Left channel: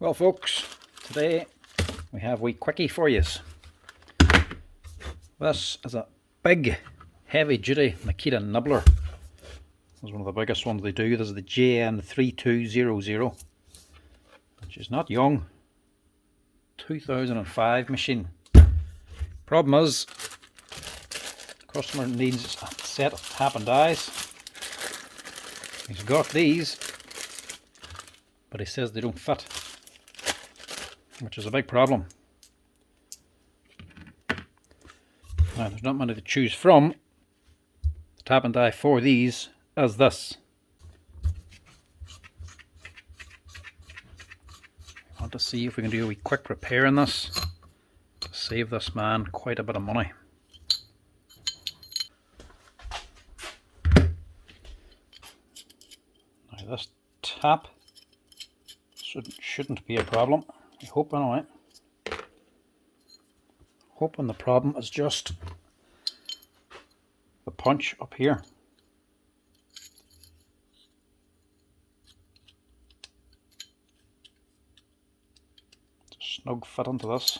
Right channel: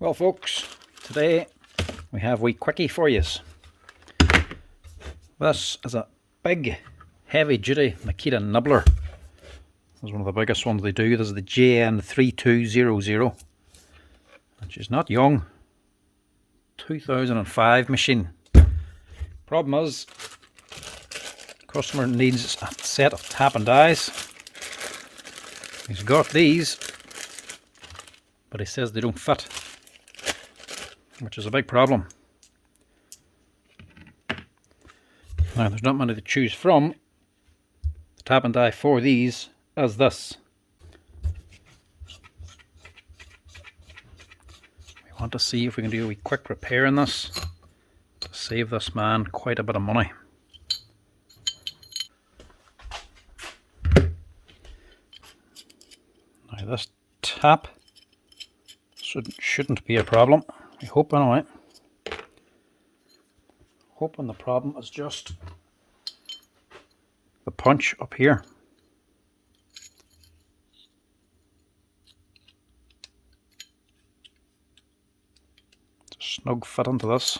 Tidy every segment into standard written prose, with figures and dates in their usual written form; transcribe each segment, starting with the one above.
Well folks, today we have a wee quickie for you. This is a big heavy duty Makita Nibbler. This is one of the biggest ones they do. This is the JN3200, which is not young. 2005 machine. Problem is, the customer needs a set of tap and dies. He's got these, but he says they don't fit, which is a big problem. Now there's not many to choose from. The tap and die for these is this. We want to see if we can do a wee quick repair in this to save this man quite a bit of money. Now this tap shouldn't be a problem. I hope anyway. Hoping the problem is just the punch up here. It's a snug fit into this.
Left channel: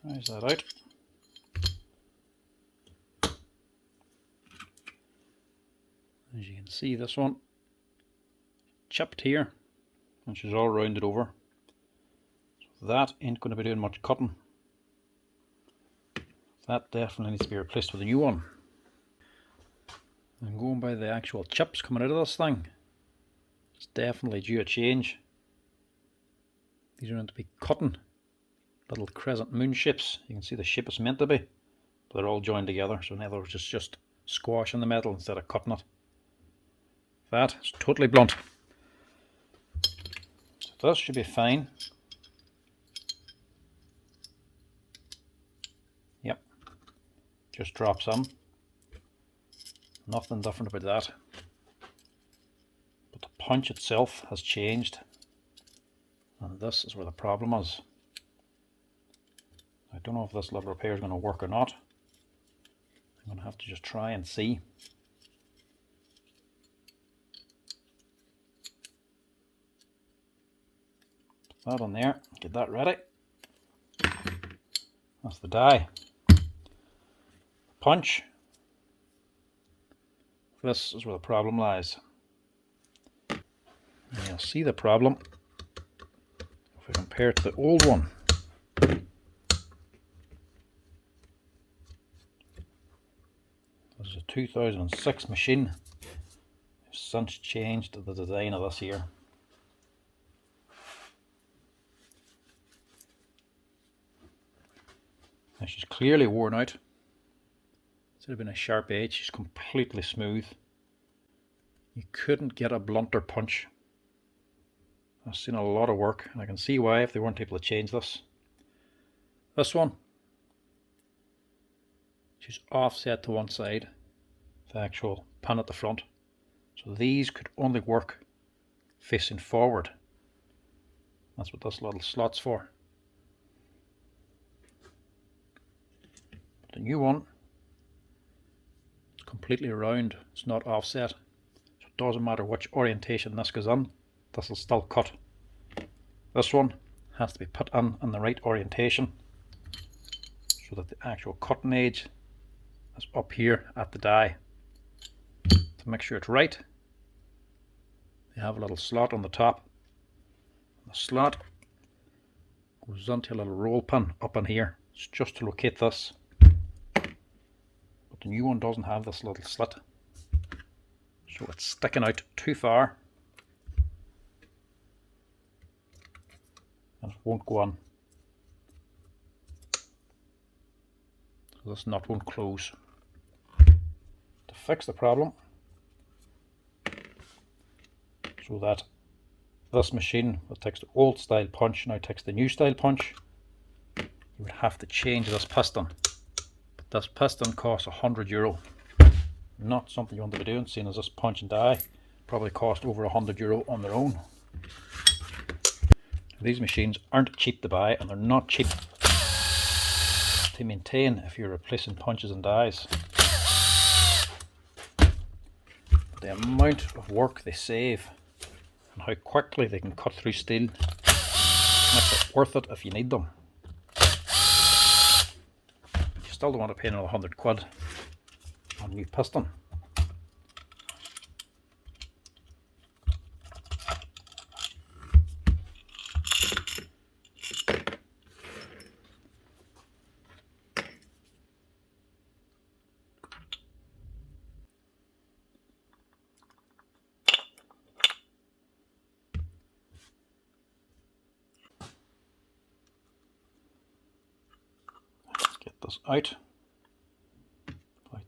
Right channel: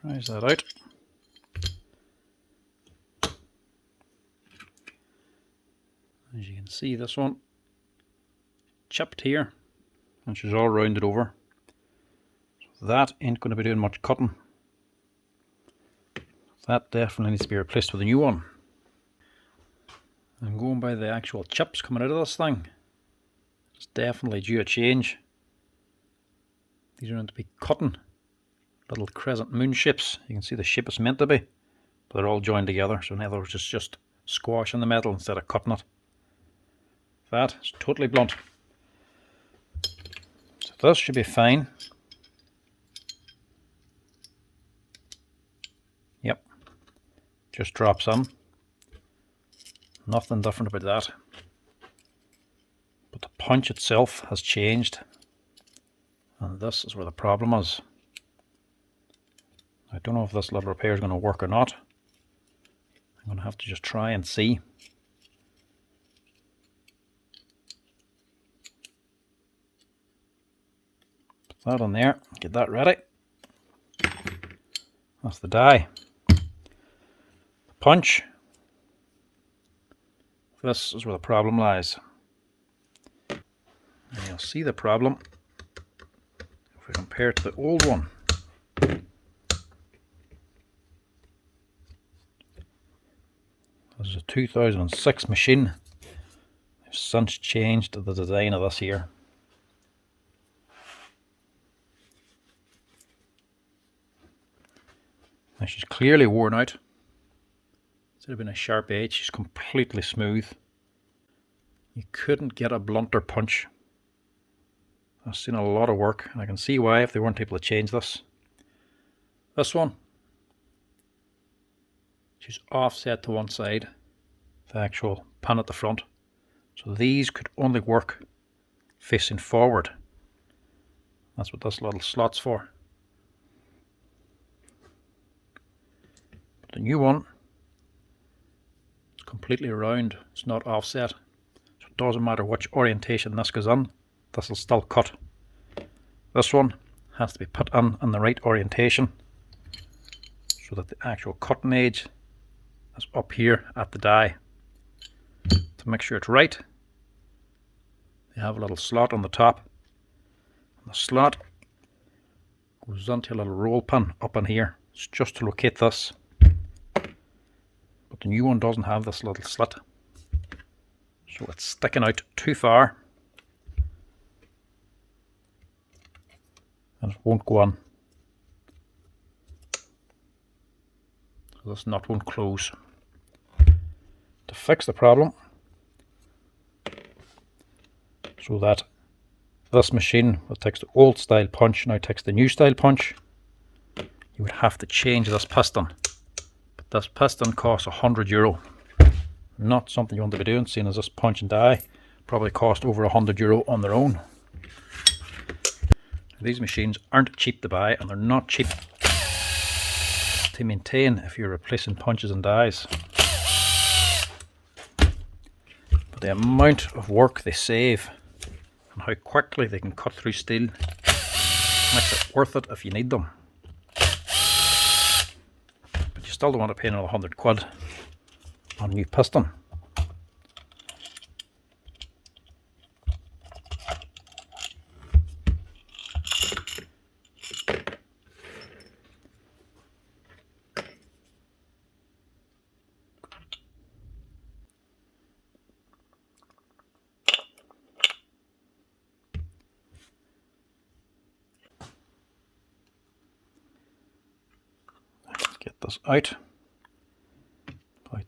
Prise that out. As you can see, this one chipped here, which is all rounded over. So that ain't going to be doing much cutting. That definitely needs to be replaced with a new one. I'm going by the actual chips coming out of this thing. It's definitely due a change. These are going to be cutting little crescent moon shapes. You can see the shape it's meant to be, but they're all joined together. So in other words, it's just squashing the metal instead of cutting it. That is totally blunt. So this should be fine. Yep, just drops in. Nothing different about that. But the punch itself has changed, and this is where the problem is. I don't know if this little repair is going to work or not. I'm going to have to just try and see. That on there, get that ready. That's the die. The punch. This is where the problem lies. And you'll see the problem if we compare it to the old one. This is a 2006 machine. They've since changed the design of this here. Now she's clearly worn out. Instead of being a sharp edge, she's completely smooth. You couldn't get a blunter punch. I've seen a lot of work, and I can see why if they weren't able to change this. This one, she's offset to one side, the actual pin at the front. So these could only work facing forward. That's what this little slot's for. The new one is completely round, it's not offset, so it doesn't matter which orientation this goes in, this will still cut. This one has to be put in the right orientation so that the actual cutting edge is up here at the die. To make sure it's right, you have a little slot on the top. The slot goes into a little roll pin up in here. It's just to locate this. The new one doesn't have this little slit, so it's sticking out too far and it won't go on. So this nut won't close. To fix the problem, so that this machine that takes the old style punch now takes the new style punch, you would have to change this piston. This piston costs €100. Not something you want to be doing, seeing as this punch and die probably cost over €100 on their own. These machines aren't cheap to buy, and they're not cheap to maintain if you're replacing punches and dies. But the amount of work they save and how quickly they can cut through steel makes it worth it if you need them. But you still don't want to pay another 100 quid on a new piston. Get this out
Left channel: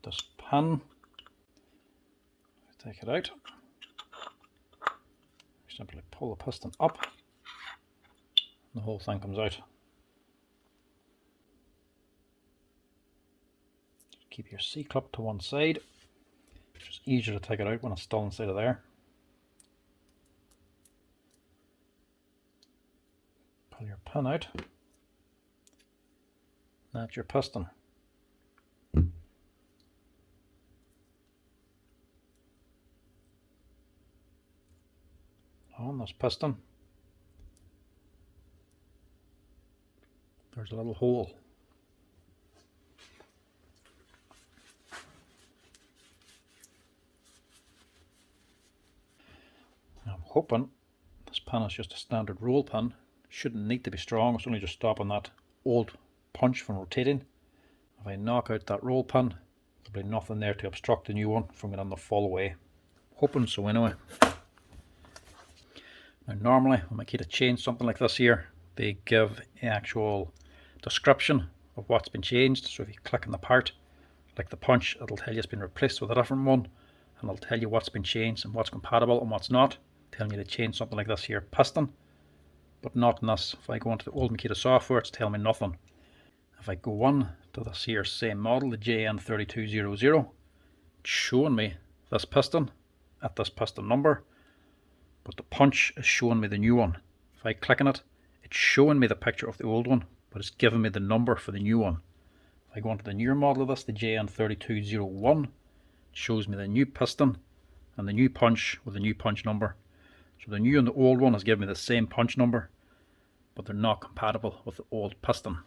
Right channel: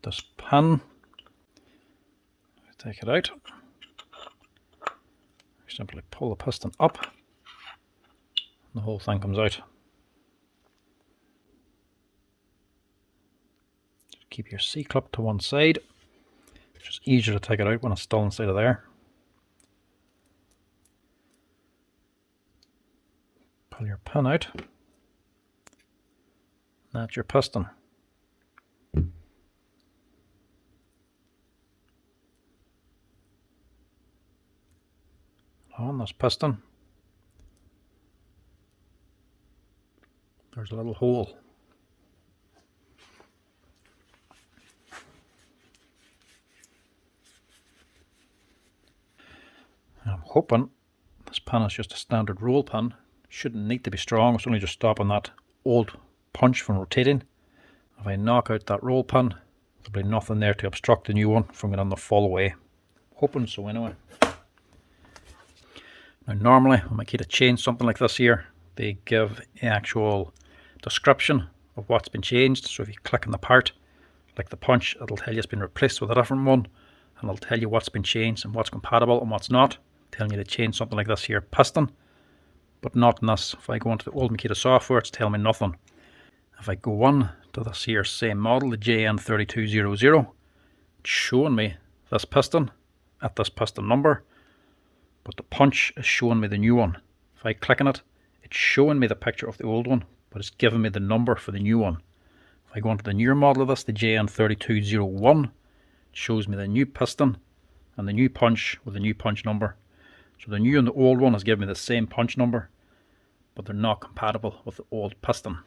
this pin, take it out, simply pull the piston up and the whole thing comes out. Just keep your C-clip to one side, it's just easier to take it out when it's still inside of there. Pull your pin out, that's your piston. On this piston there's a little hole. And I'm hoping this pin is just a standard roll pin. Shouldn't need to be strong, it's only just stopping that old punch from rotating. If I knock out that roll pin, there'll be nothing there to obstruct the new one from getting the full way. Hoping so anyway. Now normally when Makita change something like this here, they give an actual description of what's been changed. So if you click on the part, like the punch, it'll tell you it's been replaced with a different one, and it'll tell you what's been changed and what's compatible and what's not. Telling you to change something like this here piston, but not in this. If I go into the old Makita software, it's telling me nothing. If I go on to this here same model, the JN3200, it's showing me this piston at this piston number, but the punch is showing me the new one. If I click on it, it's showing me the picture of the old one, but it's giving me the number for the new one. If I go into the newer model of this, the JN3201, it shows me the new piston and the new punch with the new punch number. So the new and the old one has given me the same punch number, but they're not compatible with the old piston.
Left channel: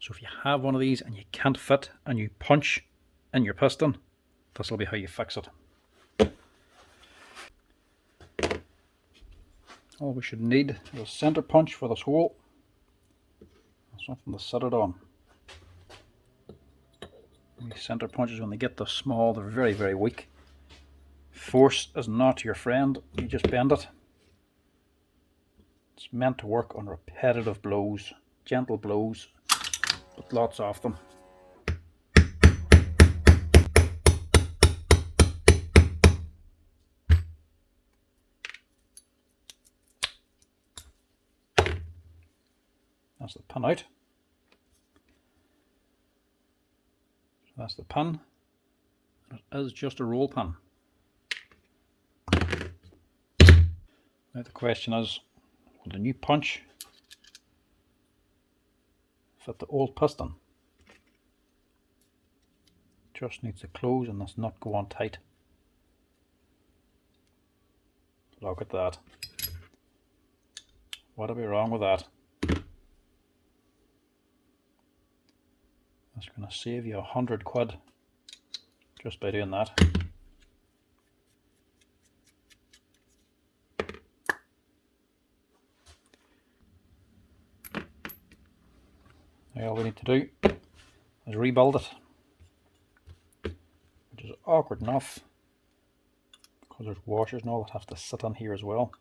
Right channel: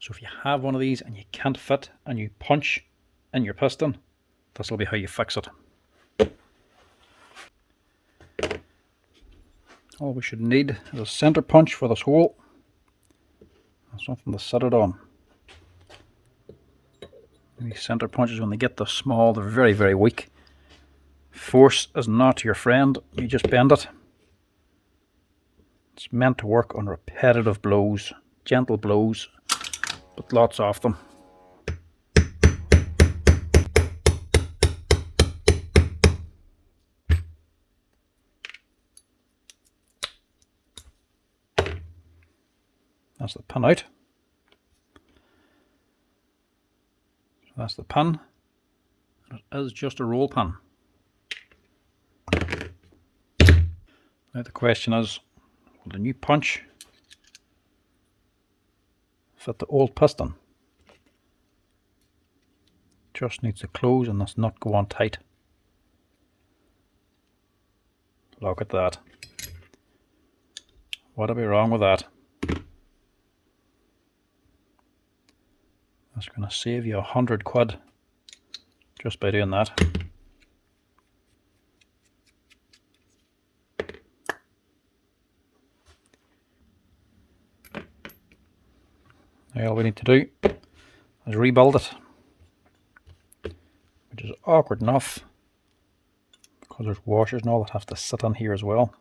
So if you have one of these and you can't fit a new punch in your piston, this will be how you fix it. All we should need is a center punch for this hole and something to set it on. These center punches, when they get this small, they're very, very weak. Force is not your friend, you just bend it. It's meant to work on repetitive blows, gentle blows, but lots of them. That's the pin out. So that's the pin. It is just a roll pin. Now the question is, will the new punch fit the old piston? Just needs to close and this nut go on tight. Look at that. What'll be wrong with that? That's going to save you 100 quid just by doing that. Now all we need to do is rebuild it, which is awkward enough because there's washers and all that have to sit on here as well.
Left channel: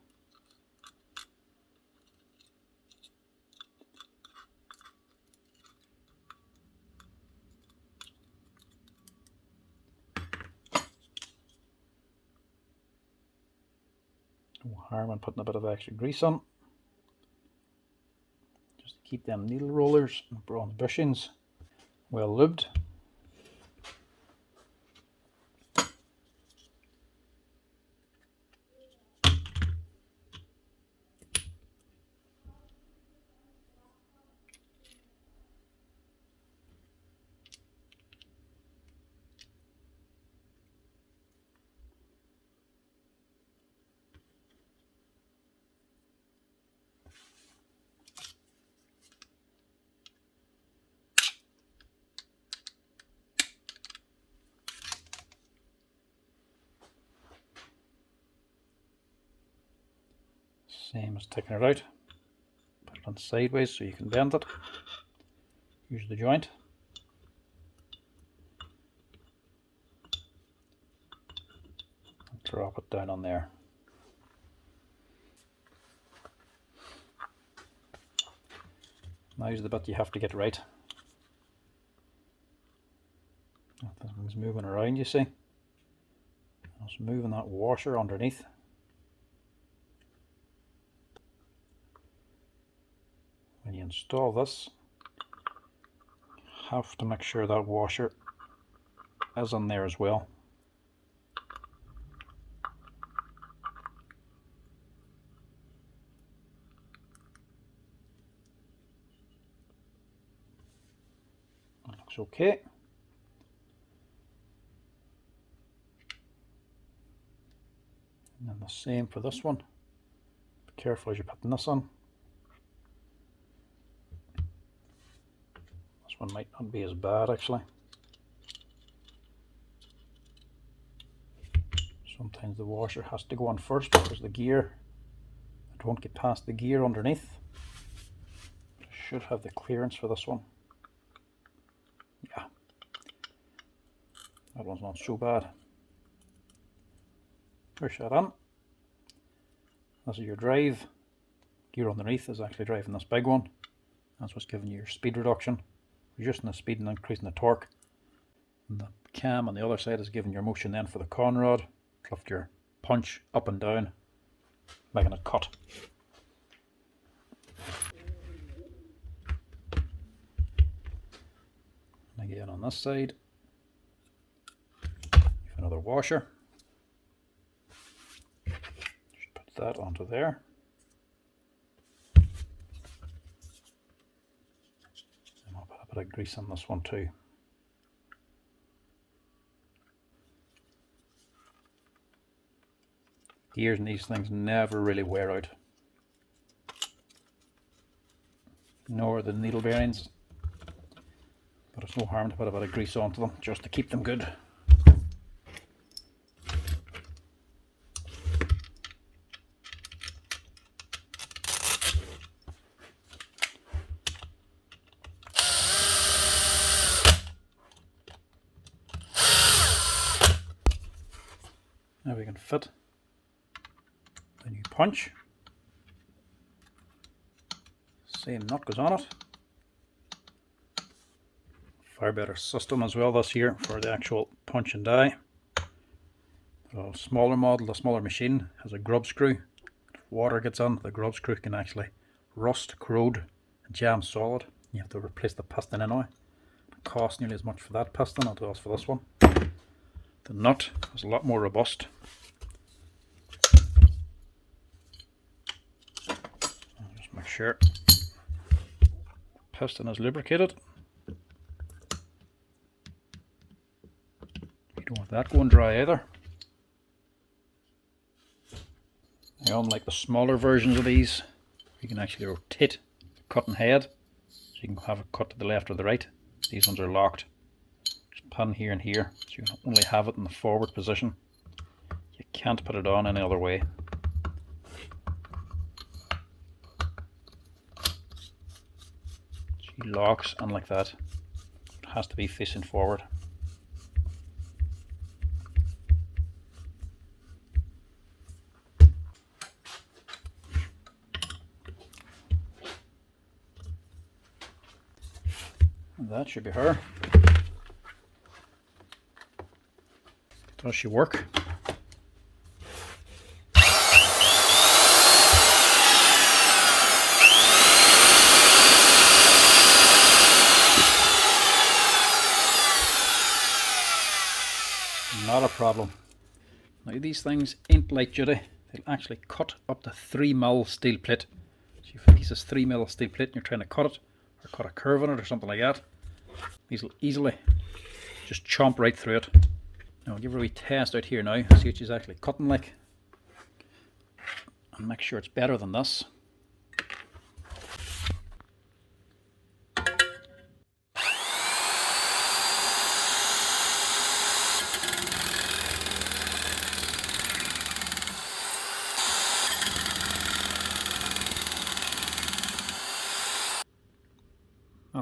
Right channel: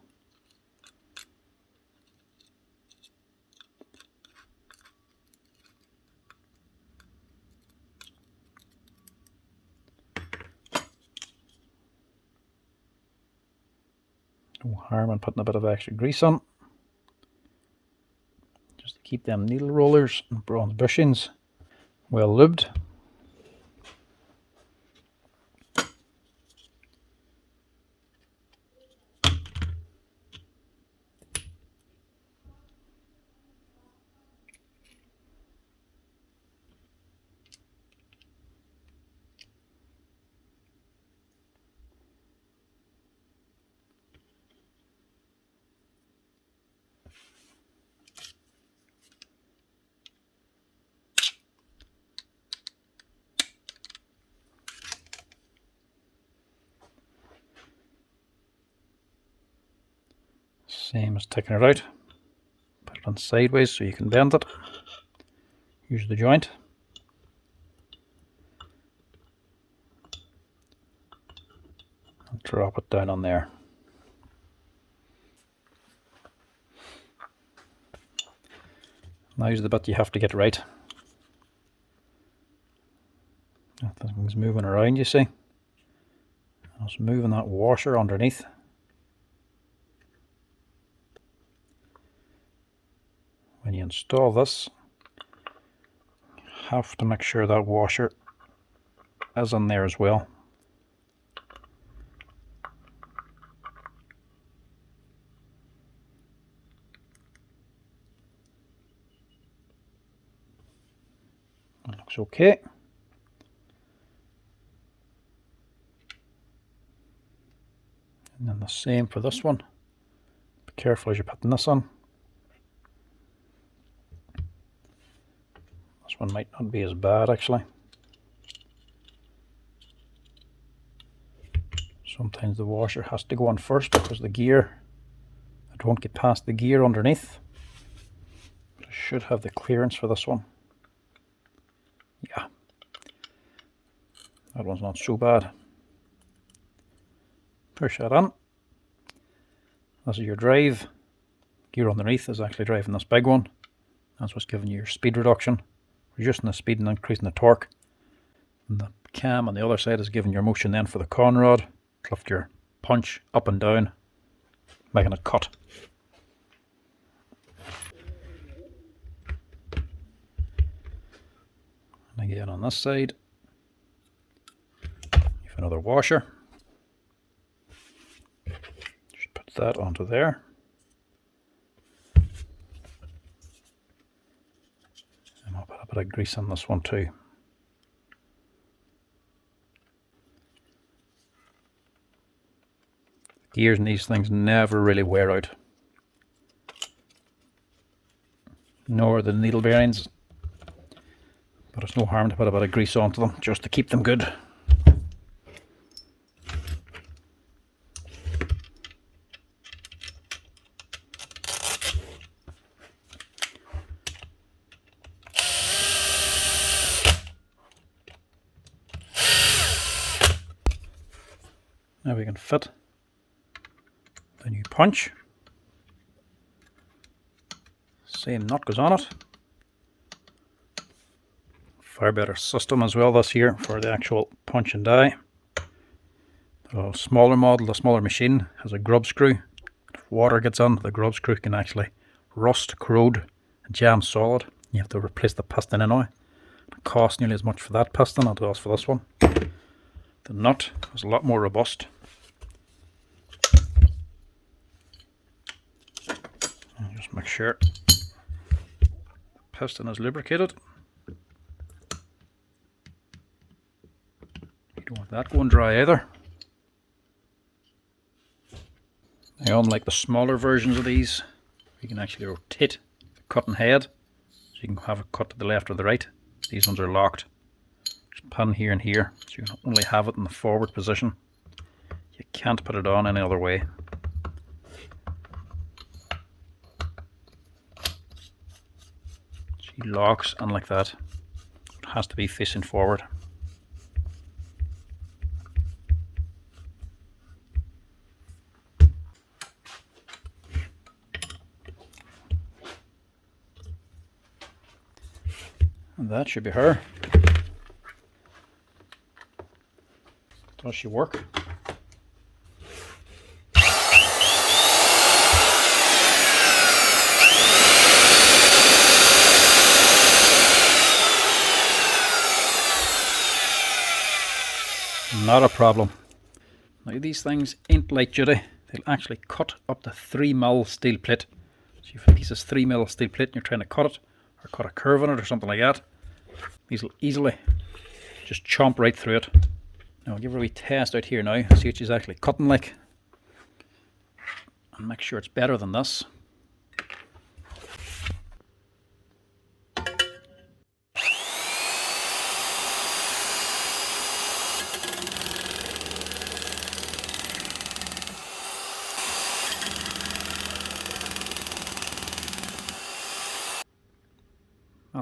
No harm in putting a bit of extra grease on, just to keep them needle rollers and bronze bushings well lubed. Same as taking it out. Put it on sideways so you can bend it. Use the joint. And drop it down on there. Now's the bit you have to get right. Thing's moving around, you see. I was moving that washer underneath. When you install this, you have to make sure that washer is in there as well. That looks okay. And then the same for this one. Be careful as you're putting this on. This one might not be as bad actually. Sometimes the washer has to go on first because the gear, it won't get past the gear underneath. But I should have the clearance for this one. Yeah, that one's not so bad. Push that on. This is your drive. Gear underneath is actually driving this big one. That's what's giving you your speed reduction, reducing the speed and increasing the torque. And the cam on the other side is giving your motion then for the con rod. Lift your punch up and down, making it cut. And again on this side, you have another washer. Just put that onto there. And I'll put a bit of grease on this one too. Gears in these things never really wear out, nor the needle bearings, but it's no harm to put a bit of grease onto them just to keep them good. Now we can fit the new punch. Same nut goes on it. Far better system as well this here for the actual punch and die. The smaller model, the smaller machine, has a grub screw. If water gets on, the grub screw can actually rust, corrode, and jam solid. You have to replace the piston anyway. It costs nearly as much for that piston as it does for this one. The nut is a lot more robust. Just make sure the piston is lubricated. You don't want that going dry either. Now, unlike the smaller versions of these, you can actually rotate the cutting head, so you can have it cut to the left or the right. These ones are locked. Just pin here and here, so you can only have it in the forward position. You can't put it on any other way. See, locks, and like that, it has to be facing forward. And that should be her. Does she work? Not a problem. Now these things ain't light duty. They'll actually cut up to 3mm steel plate. So if a piece is 3mm steel plate and you're trying to cut it, or cut a curve on it or something like that, these will easily just chomp right through it. Now I'll give her a wee test out here now, see what she's actually cutting like, and make sure it's better than this.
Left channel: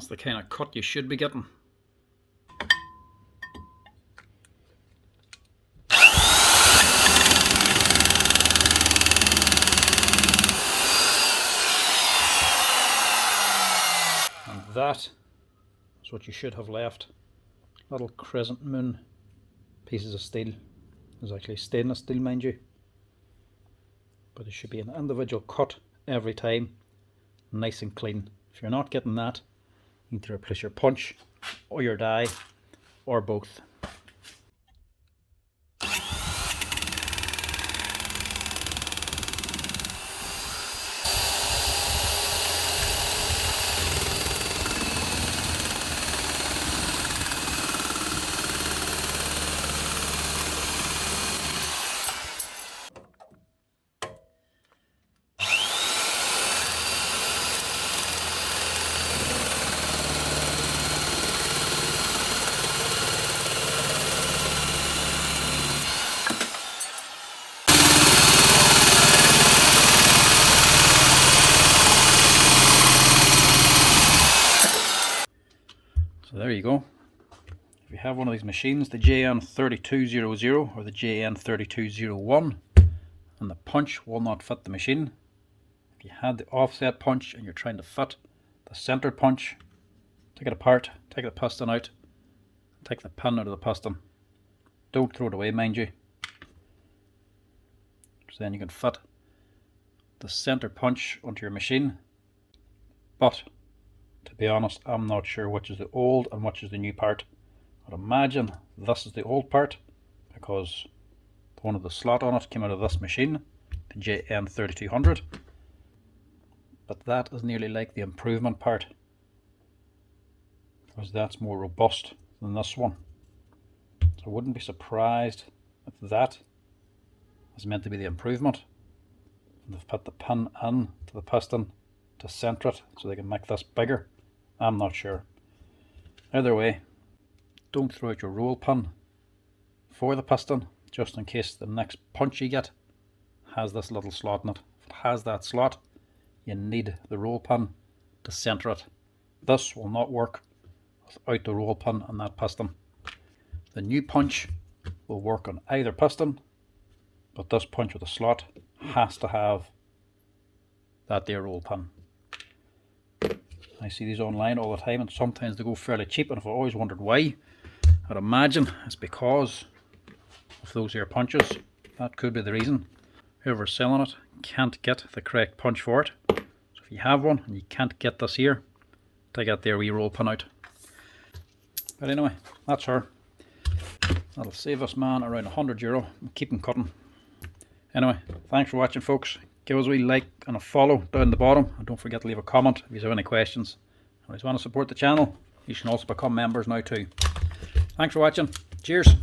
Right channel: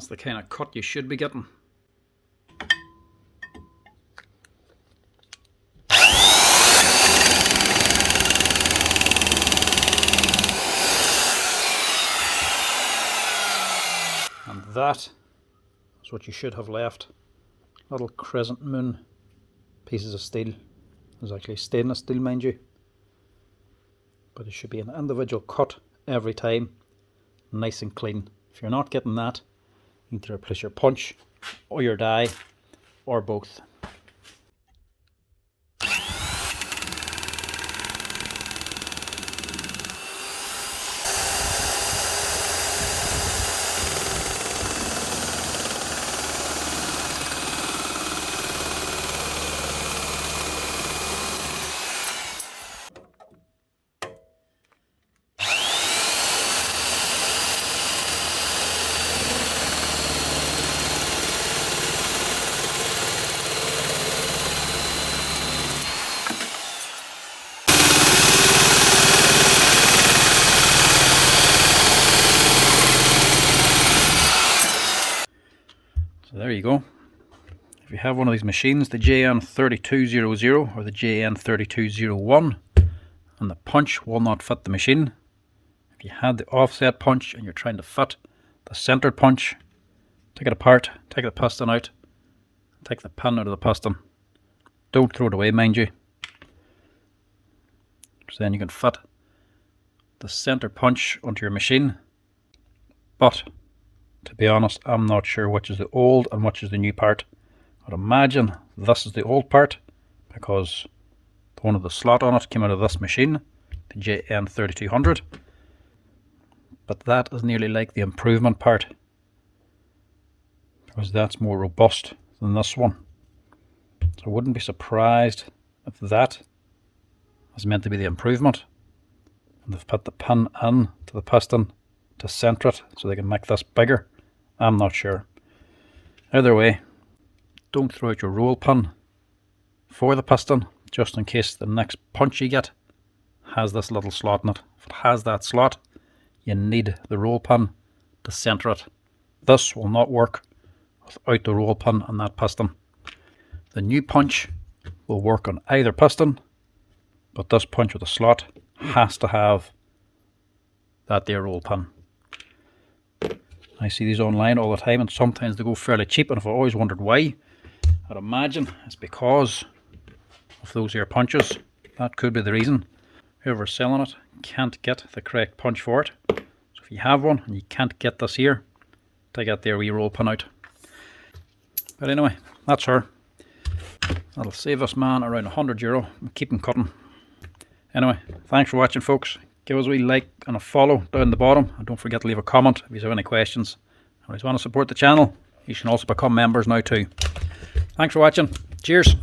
That's the kind of cut you should be getting. And that is what you should have left. Little crescent moon pieces of steel. There's actually stainless steel, mind you. But it should be an individual cut every time, nice and clean. If you're not getting that, you need to replace your punch or your die or both. So there you go. If you have one of these machines, the JN3200 or the JN3201, and the punch will not fit the machine, if you had the offset punch and you're trying to fit the centered punch, take it apart, take the piston out, take the pin out of the piston. Don't throw it away, mind you. So then you can fit the center punch onto your machine. But to be honest, I'm not sure which is the old and which is the new part. I'd imagine this is the old part because one of the slot on it came out of this machine, the JN3200. But that is nearly like the improvement part because that's more robust than this one. So I wouldn't be surprised if that is meant to be the improvement. And they've put the pin in to the piston to center it so they can make this bigger. I'm not sure. Either way, don't throw out your roll pin for the piston just in case the next punch you get has this little slot in it. If it has that slot, you need the roll pin to center it. This will not work without the roll pin on that piston. The new punch will work on either piston, but this punch with a slot has to have that there roll pin. I see these online all the time and sometimes they go fairly cheap, and I've always wondered why. I'd imagine it's because of those here punches. That could be the reason. Whoever's selling it can't get the correct punch for it. So if you have one and you can't get this here, take out their wee roll pin out. But anyway, that's her. That'll save us, man, around €100 and keep them cutting. Anyway, thanks for watching, folks. Give us a wee like and a follow down the bottom, and don't forget to leave a comment if you have any questions. And if you want to support the channel, you can also become members now too. Thanks for watching. Cheers.